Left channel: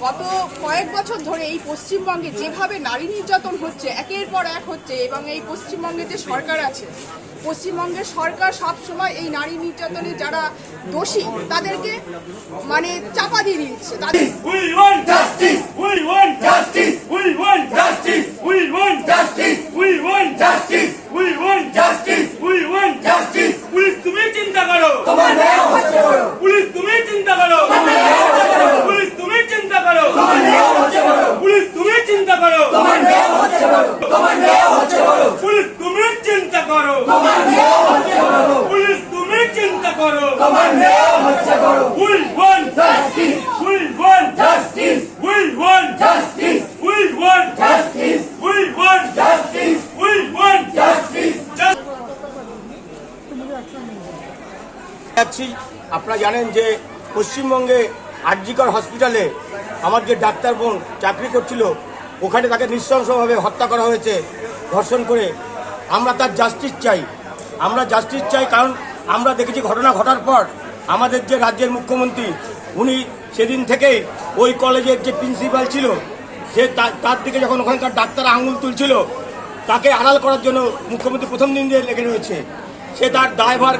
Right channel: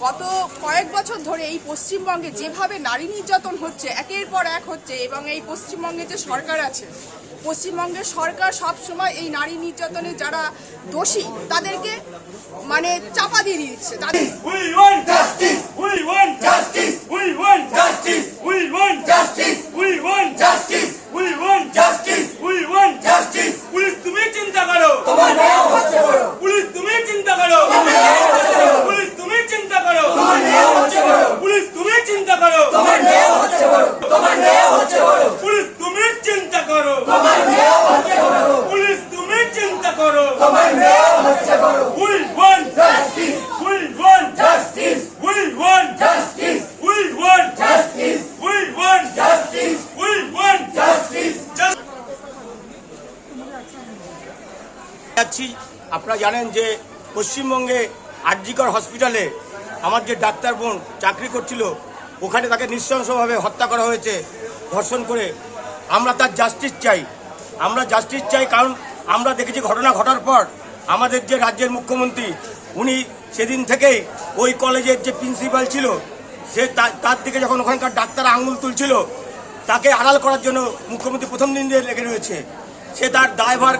গত কয়েক বছর ধরে এই পশ্চিমবঙ্গে যেভাবে নারী নির্যাতন হচ্ছে একের পর এক হচ্ছে এবং এই পশ্চিমবঙ্গে যে সরকার আছে পশ্চিমবঙ্গের সরকার সব সময় এই নারী নির্যাতনে যারা দোষী তাদেরকে মানে চাপা দিয়ে দিচ্ছে। তাদের যাচ্ছি। আপনারা জানেন যে পশ্চিমবঙ্গে আরজিকর হসপিটালে আমার যে ডাক্তার বোন চাকরি করছিল, ওখানে তাকে নৃশংসভাবে হত্যা করা হয়েছে, ধর্ষণ করে। আমরা তার জাস্টিস চাই। আমরা জাস্টিস চাই কারণ আমরা দেখেছি ঘটনা ঘটার পর আমাদের যে রাজ্যের মুখ্যমন্ত্রী, উনি সেদিন থেকেই ওই কলেজের যে প্রিন্সিপাল ছিল, সে তার দিকে যখন ওখানকার ডাক্তার আঙুল তুলছিল, তাকে আড়াল করার জন্য মুখ্যমন্ত্রী প্রথম দিন দিয়ে লেগে রয়েছে। সে তার দায়ভার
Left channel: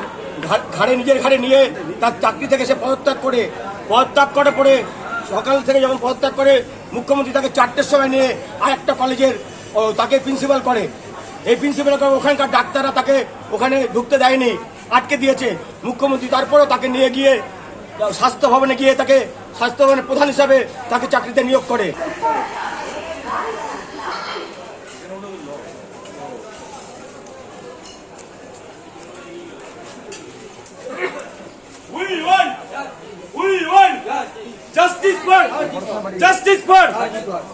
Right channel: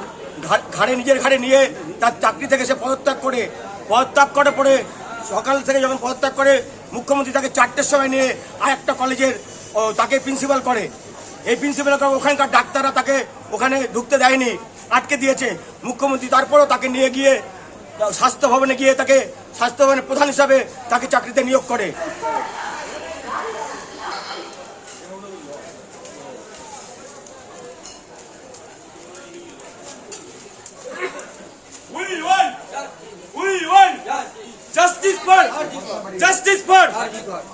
ঘাড়ে নিজের ঘাড়ে নিয়ে তার চাকরি থেকে সে পদত্যাগ করে পদত্যাগ করে পরে সকাল থেকে যখন পদত্যাগ করে, মুখ্যমন্ত্রী তাকে চারটের সময় নিয়ে আর একটা কলেজের তাকে প্রিন্সিপাল করে। এই প্রিন্সিপাল করে ওখানকার ডাক্তাররা তাকে ওখানে ঢুকতে দেয়নি, আটকে দিয়েছে। মুখ্যমন্ত্রী তারপরেও তাকে নিয়ে গিয়ে, স্বাস্থ্য ভবনে গিয়ে তাকে স্বাস্থ্য ভবনের প্রধান হিসাবে তাকে চাকরিতে নিয়োগ করে। For.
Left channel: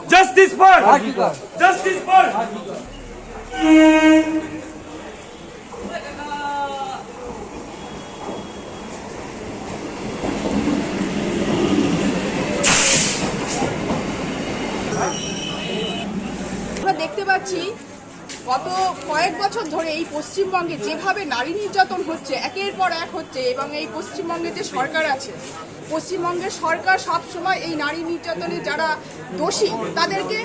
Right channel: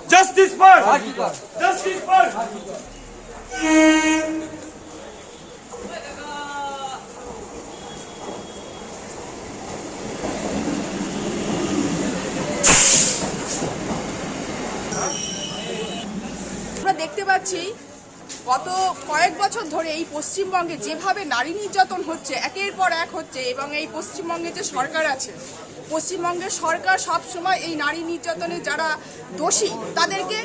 Justice for. Justice for. আমরা দেখতে পাচ্ছি গত কয়েক বছর ধরে এই পশ্চিমবঙ্গে যেভাবে নারী নির্যাতন হচ্ছে, একের পর এক হচ্ছে এবং এই পশ্চিমবঙ্গে যে সরকার আছে পশ্চিমবঙ্গের সরকার সবসময় এই নারী নির্যাতনে যারা দোষী, তাদেরকে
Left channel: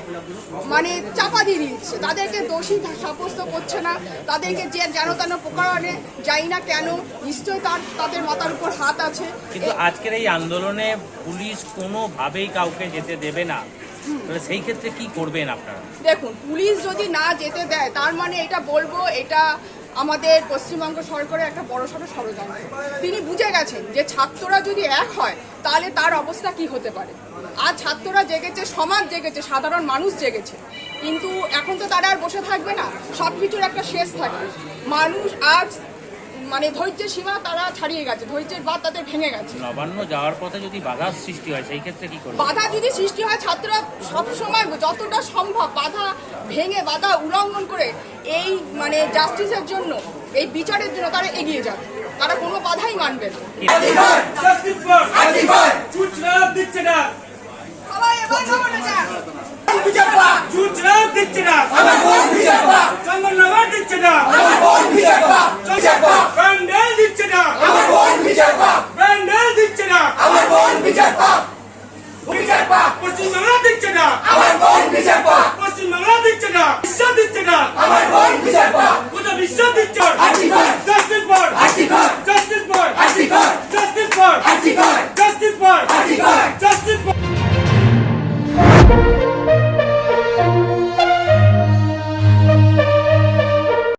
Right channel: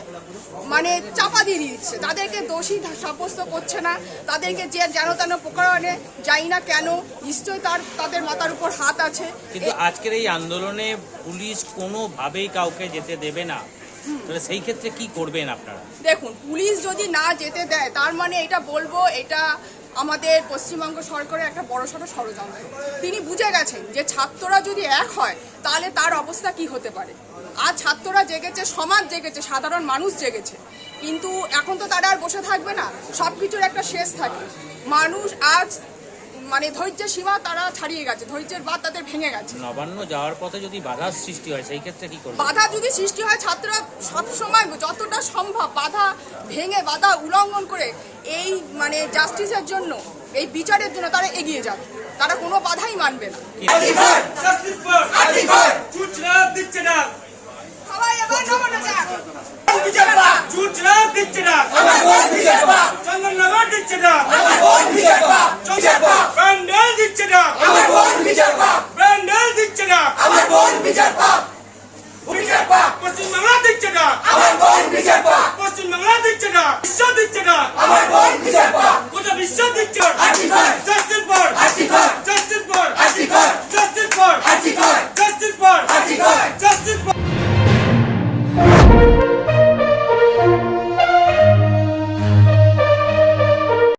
মানে চাপা দিয়ে দিচ্ছে। তাদেরকে দোষী সাব্যস্ত করছে না। তাদেরকে যে যেন তেন প্রকারণে যাই না কেন নিশ্চয় তার, তাদের মাথার উপর হাত আছে। কিন্তু আজকের এই আন্দোলনে পুলিশ কোনোভাবেই কাউকে যেতে দেবে না। সেই ক্ষেত্রে কি করবেন আপনারা? দেখুন, পুলিশ যদি না যেতে দেয়, তার মানে এটা বলব, এটা আমাদের পশ্চিমবঙ্গ সরকারের একটা বড় সড়ো ষড়যন্ত্র। তিনি বুঝে গেছেন যে ছাত্ররা যদি এক হয়, তাহলে তার অবস্থা কি হতে পারে? আর ছাত্ররা জেগেছে, সমাজ জেগেছে, সাধারণ মানুষ জেগেছে। কিন্তু এখন তো তারা আর বসে থাকবে না সব কিছুর একটা শেষ থাকে। মানুষ আজ মানে ধৈর্যের সীমা তারা ছাড়িয়ে গেছে ধৈর্যের বাদ তাদের ভেঙে গেছে। নবান্ন যাওয়ার পথে যদি বাধার সৃষ্টি হয় সেই ক্ষেত্রে কি করবেন বাধা যদি সৃষ্টি হয় ছাত্ররা সবসময় যতটা সম্ভব বাধা ভেঙে বাধা উল্লঙ্ঘন করে এই মানে জাস্টিসের জন্য এই বিচারের জন্য তারা এগিয়ে যাবে। তারা কোনো বাধাই মানবে না। সবাই এবার। দিচ্ছে না চন্দননগর দিচ্ছে না প্যান্ডেল দিচ্ছে না প্যান্ডেল দিচ্ছে না। পশ্চিমবাংলা দিচ্ছে না পশ্চিমবাংলা দিচ্ছে না। বিশ্ব দিচ্ছে না।